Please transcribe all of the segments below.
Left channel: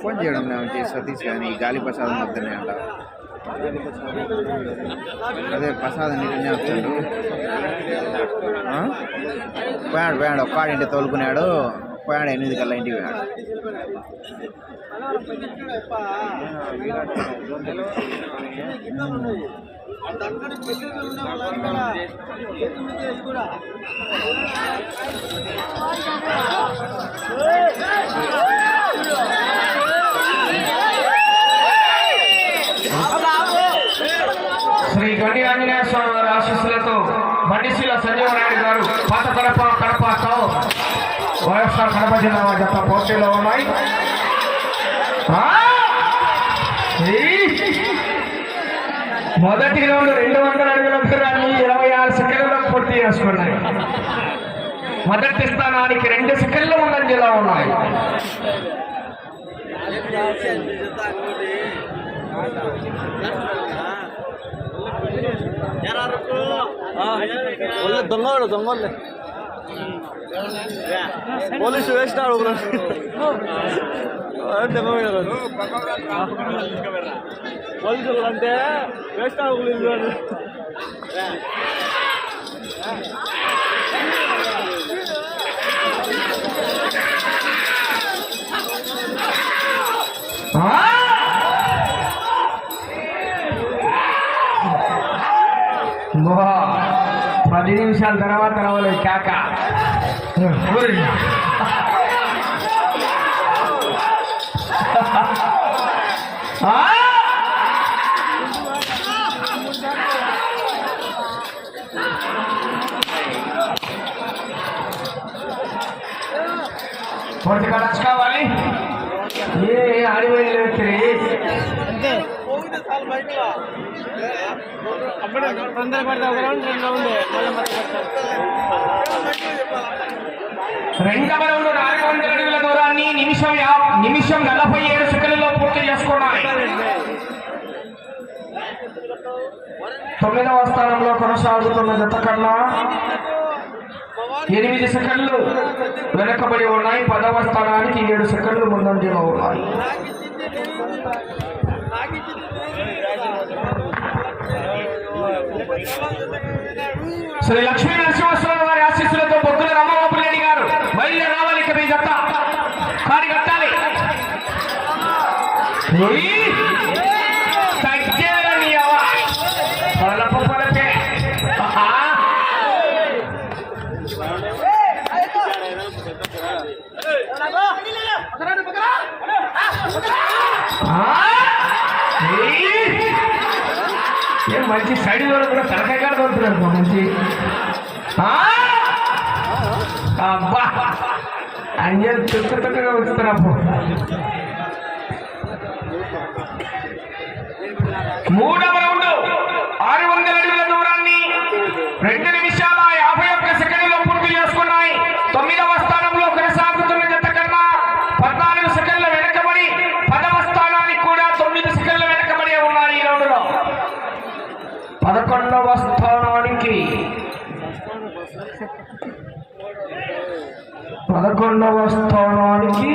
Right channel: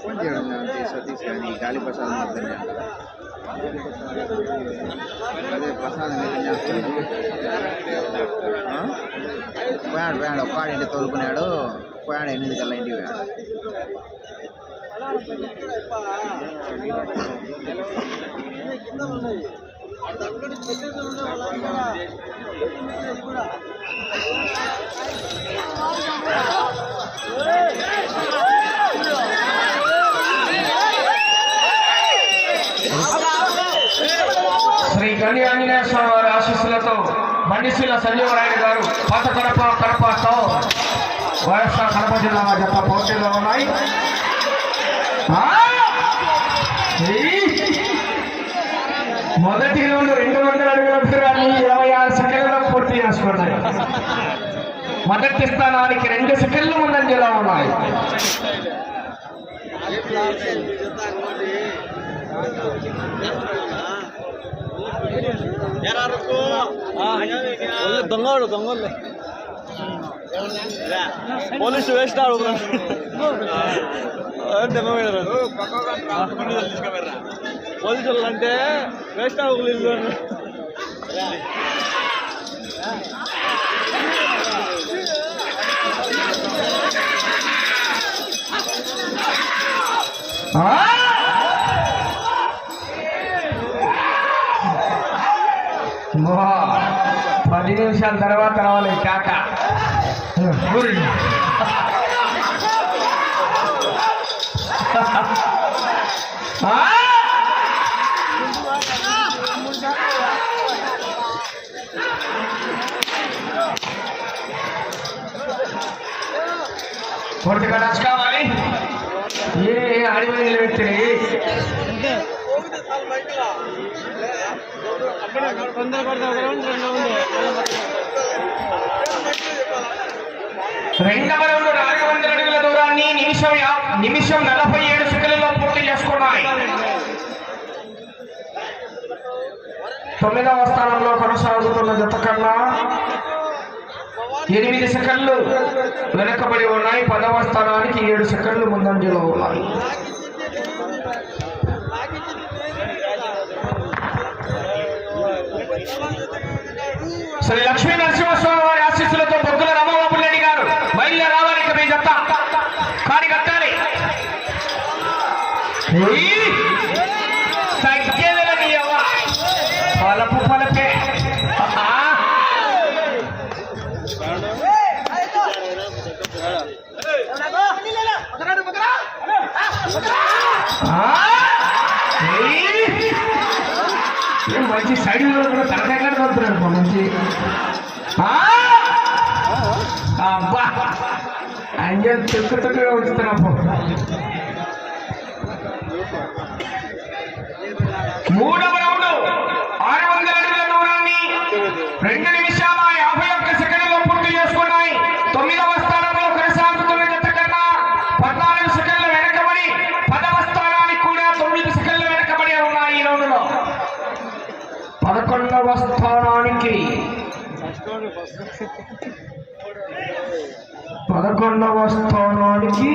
Phone చేయడం ఏమంటే సతీష్ కానీ గాలి ప్రసాదం వద్దనే అంటారు? అదే ప్రసాదం నిజం పోయాడు పోయాడు ఒక్కాడింటి తోలుకున్నాడు. పోయాడు ఎనిమిది కల్లా ఇంటికి పోయాడు శ్రీ గణి ఆంజనేయ స్వామి వారి ఆశీస్సులతో బండిశీల సంజీవనాయుడు గారు పాత కడప కడపతో వైఎస్ఆర్ కడప జిల్లా జత పోటీలో ఉన్నాయి! మొదటి రౌండ్ రెండు వందల అడుగుల దూరాన్ని ఇరవై ఆరు సెకండ్లలో పూర్తి చేసుకున్నాయి. మొదటి స్థానానికి రెండు సెకండ్లు ముందంజలో ఉన్నాయి. దొంగలు దొంగలు పోలీసు వేసినాడు దెబ్బ పోలీసులు అంటే వేసినాడు పోలీసులు ఆ! పది నిమిషాల తర్వాత రావాలి కాక ఆ! పోటీ ఖర్చు కావాలి ఏ అడిగిన వ్యక్తి రెండవ రౌండ్ నాలుగు వందల అడుగుల దూరాన్ని నిమిషం నిమిషం నలభై ఏడు సెకండ్లలో పూర్తి చేసుకోవడానికి తొమ్మిదవ స్థానంలో కొనసాగుతున్న జత కన్నా ఎనిమిది సెకండ్లు వెనకబడి ఉన్నాయి. పదవ స్థానానికి ఏడు సెకండ్లు ముందంజలో ఉన్నాయి. శ్రీ లక్ష్మీ నరసింహస్వామి వారి ఆశీస్సులతో పొద్దున రామబాబు రెడ్డి గారు బయలుదేరి రావాలి ఇక్కడ చెప్తా. జత కాని కట్టాలి. Ah! తగ్గేదిరా నీ అవ్వ. పలప పలపే. ఆ! ఆ! ఏయ్! ఏం మంచి సైడ్ కూడా కూడా తలకాయ కాడ పడుతున్నాడు మా మంచి ఆ! అబ్బా అయ్యో తుక్కు తుక్కుగా వచ్చుతున్నా పదకొండవ స్థానానికి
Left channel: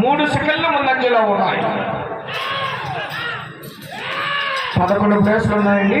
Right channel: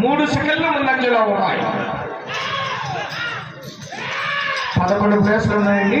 మూడు సెకండ్లు ముందంజలో ఉన్నాయి. పదకొండు ప్లేస్లు ఉన్నాయండి.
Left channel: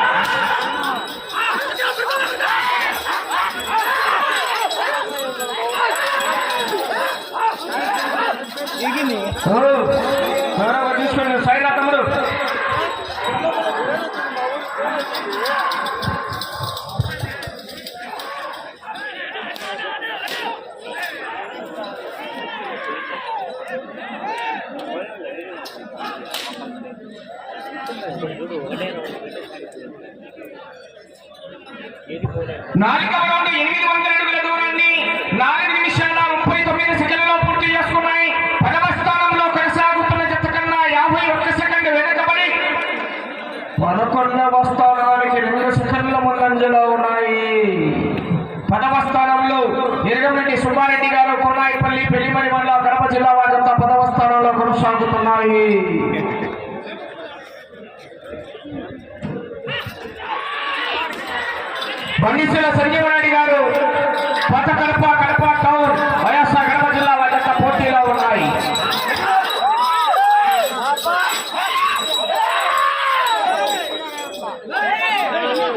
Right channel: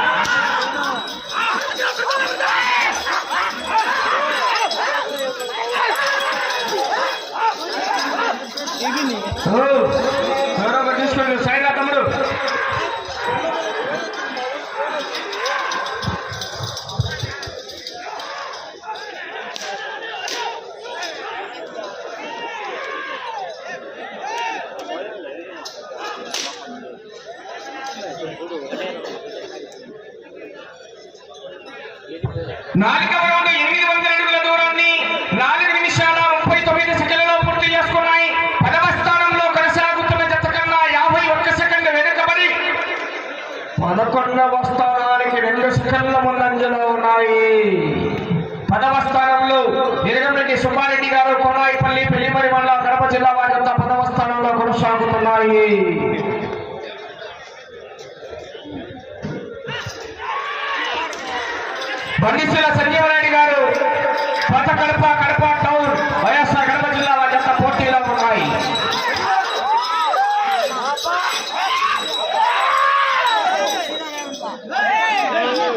Oh.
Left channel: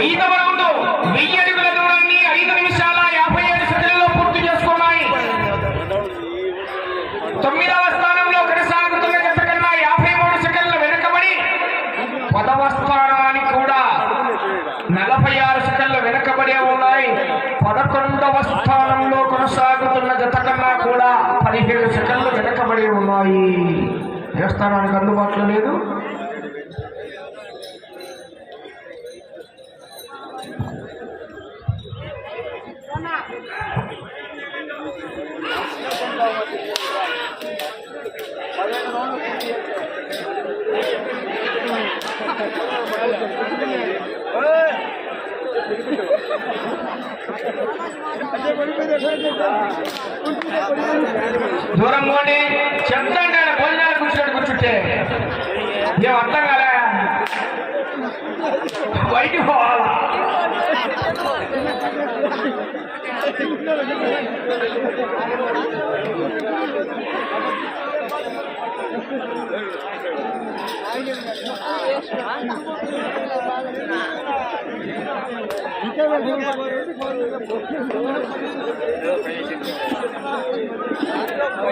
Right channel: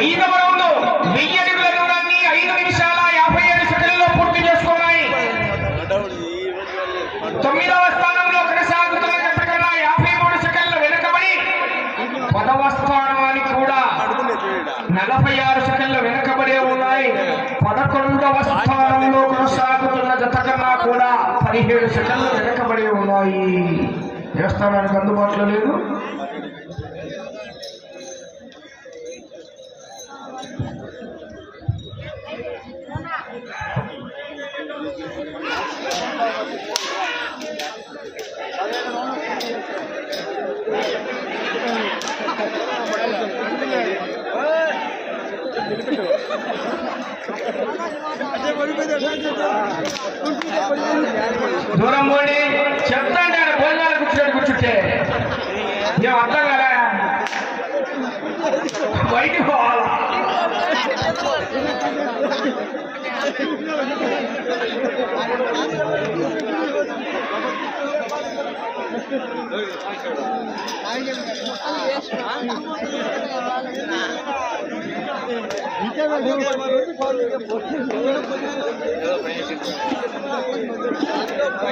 ఐదవ రౌండ్ వెయ్యి అడుగుల దూరాన్ని ఐదు నిమిషాల యాభై ఏడు సెకండ్లలో పూర్తి చేసుకున్నాయి. తొమ్మిదవ స్థానంలో కొనసాగుతున్న జత కన్నా యాభై మూడు సెకండ్లు వెనుకబడి పదవ స్థానానికి కూడా నలభై ఆరు సెకండ్లు వెనుకబడే ఉన్నాయి. పదకొండవ స్థానంలో కొనసాగుతున్న జత కన్నా కూడా పదిహేడు సెకండ్లు వెనుకబడి ఉన్నాయి. ఏ స్థానానికి అందుబాటులో లేదు దూరం పోండి చెప్తాను ఏం అర్థం కాలే బయటికి పోవాలా ఓ,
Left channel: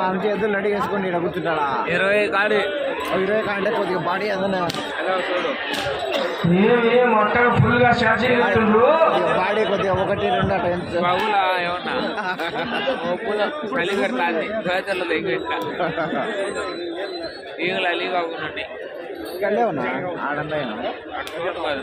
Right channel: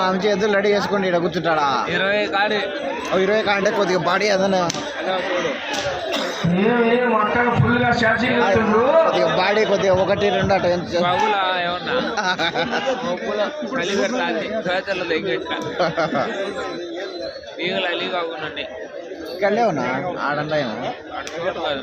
ఆమె చేతులు రెడీ చేసుకోండి ఇక్కడ కూర్చుంటాడా? ఇరవై కాడి. ఇరవై కంటే కొద్దిగా బాడీ అదన బాడీ కొద్దిగా ఒకటి రెండు అట బాబులా ఏమన్నా? ఒప్పులో చలి పెడతాంది. చేతుల్లో దగ్గర ఈగలు అలీ కాకుండా ఇక్కడే ఉన్నా? ఆడంతా అటు చోటు కాదు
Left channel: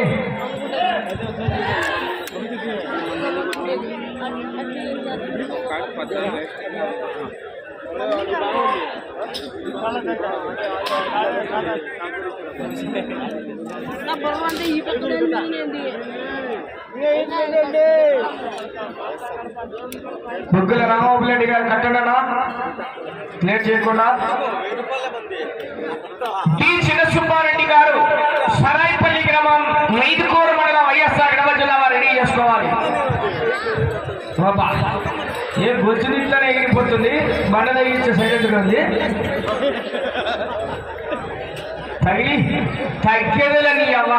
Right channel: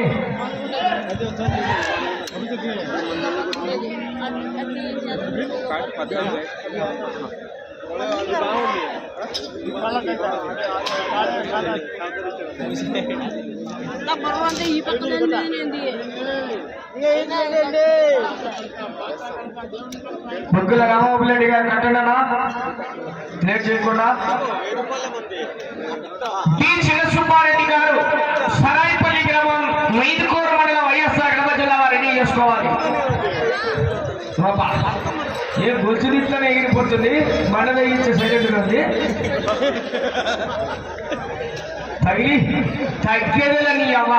పాసులా. పద్నాలుగు. అంటే రామబాబు రెడ్డి గారు కట్టడనా లేట్ చేయకుండా? టి. చిన్నసుబ్బారెడ్డి గారు సరాయిపల్లి గ్రామం మైదుకూరు మండలం వైఎస్ఆర్ కడప జిల్లా రెడీ చేసుకోవాలి. ఏ బొచ్చు తింటానే ఎగిరిపోతుంది? బండ తగిలించే సెకండ్ ఉంది తగిలి తగ్గేదని అవ్వ.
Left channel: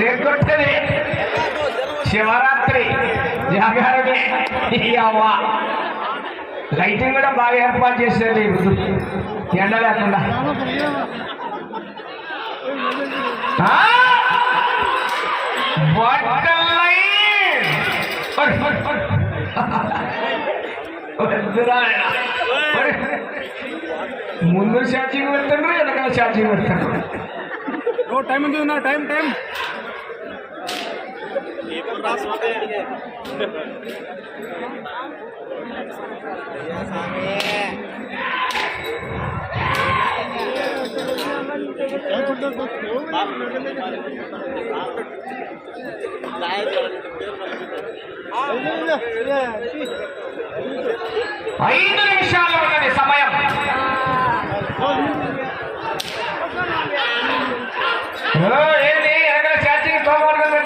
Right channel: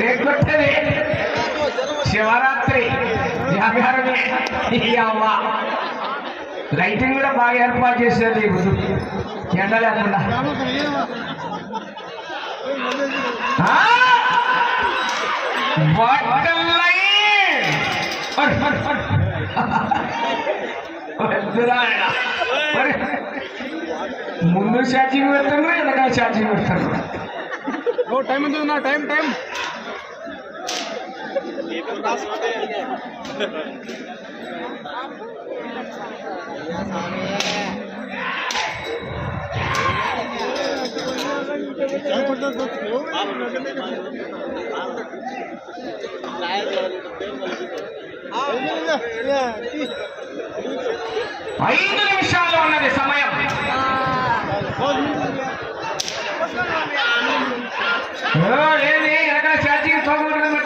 రేకొట్టేది శివరాత్రి జాగారమే ఈ అవ్వ. లైటింగ్ కూడా బాగా ఏర్పాటు చేసేది ఎండ లేకుండా. బాగా బట్టలై. ముందు ఛార్జింగ్ పెడతాను వెనకాల ఛార్జింగ్ పెడతాను టైం ఉంది నా టైం టైం ఐదు నిమిషాలు ఉన్నది సమయం ఓ, ఏంది ఎక్కడ ఛార్జింగ్ తోగొట్టుకుని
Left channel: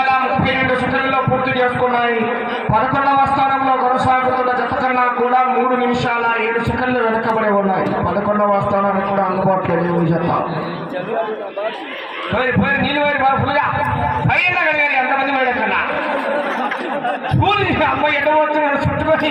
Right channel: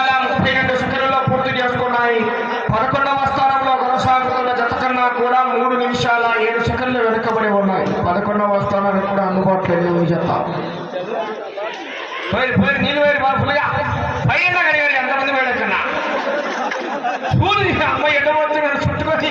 పది నిమిషాల ముప్పై రెండు సెకండ్లలో పూర్తి చేసుకున్నాయి. పదకొండవ స్థానంలో కొనసాగుతున్న జత కన్నా కూడా మూడు నిమిషాల ఏడు సెకండ్లు వెనకబడి ఉన్నాయి. పదకొండవ స్థానానికి కూడా అందుబాటులో లేవు జత. ఎంతమంది మేడ కన్నా అమ్మాయి ఎక్కడ పోతుంది చుట్టుకొని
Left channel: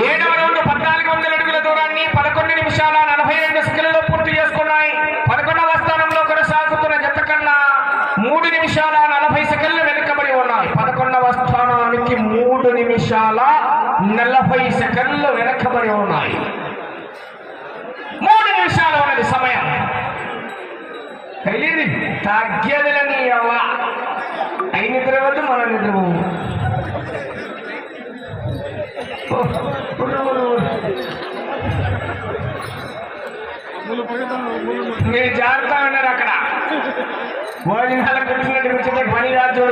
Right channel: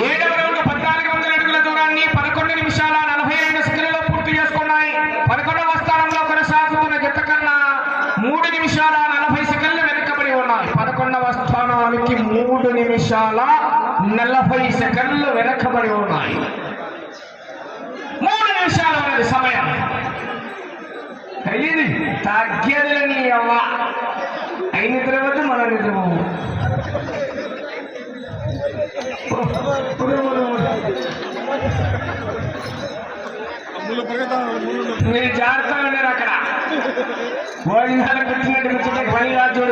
ఏడవ రౌండ్ పద్నాలుగు వందల అడుగుల దూరాన్ని పదకొండు నిమిషాల నలభై రెండు సెకండ్లలో పూర్తి చేసుకున్నాయి. పదకొండవ స్థానంలో కొనసాగుతున్న జత కన్నా మూడు నిమిషాల నలభై సెకండ్లు వెనుకబడి ఉన్నాయి. పదకొండవ స్థానానికి మూడు నిమిషాల నలభై సెకండ్లు వెనకబడి ఉన్నాయి. మూడు నిమిషాలు ఉన్నది సమయం. తెలియదు తగ్గదులని అలా మీరు జాగ్రత్తగా ఉన్నారు అక్కడ. భోజనాలకు వచ్చినట్టు కూర్చుంటే పని కాదు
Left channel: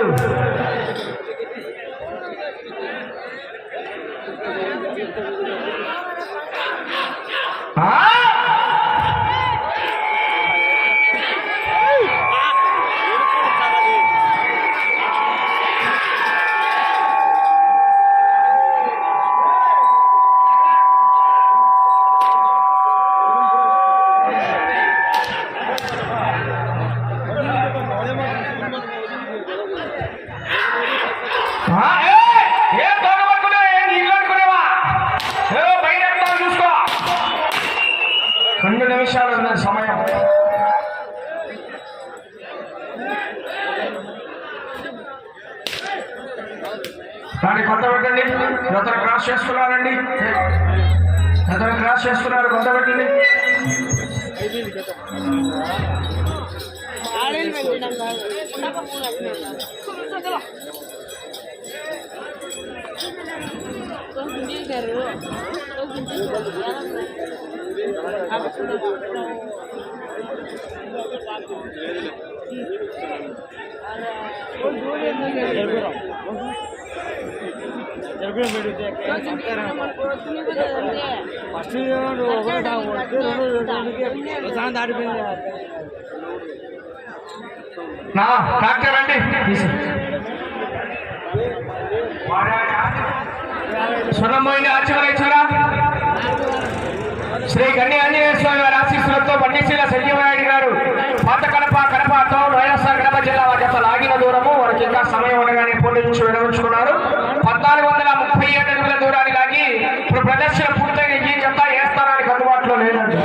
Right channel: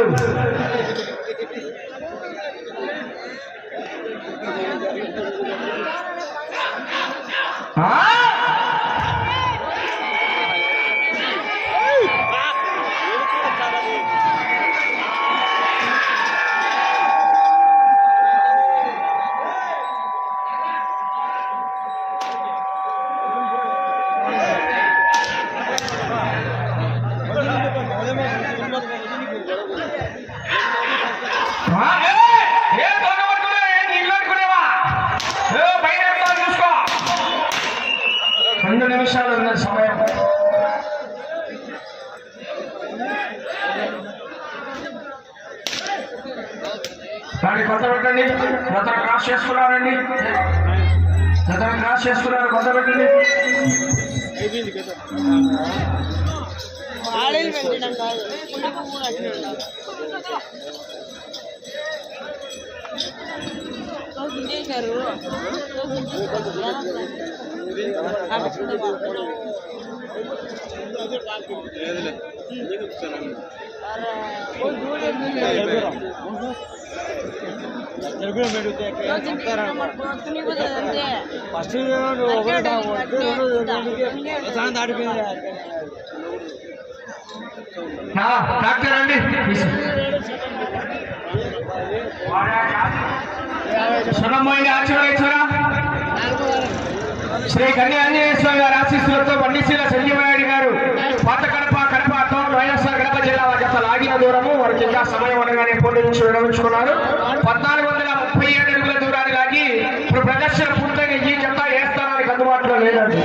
రెండు నిమిషాలు ఉన్న సమయం. దాన్ని కొత్త పెట్టండి. రతను క్రాస్ చేస్తున్నారండి. రతను క్రాస్ చేస్తున్నారు. కొత్త పెట్టండి. ఫస్ట్ ఒకటి రెండు దాటిపోయింది నా డాక్టర్ అండి స్వర్ణమోయిని ఆచరణించగా శ్రీ గన్ని ఆంజనేయ స్వామి వారి ఆశీస్సులతో బండిశీల సంజీవనాయుడు గారు పాత కడప కడప వైఎస్ఆర్ కడప జిల్లా జత లాగిన దూరము. వారికి ఇంకా సమయం ఉండగానే పోటీ నుంచి విరమించుకున్నారు పద్నాలుగు వందల ముప్పై ఏడు అడుగుల దూరాన్ని లాగి ఇప్పుడు ప్రదర్శన పూర్తయిన ఈ జత ఏ స్థానానికి అందుబాటులో లేదండి.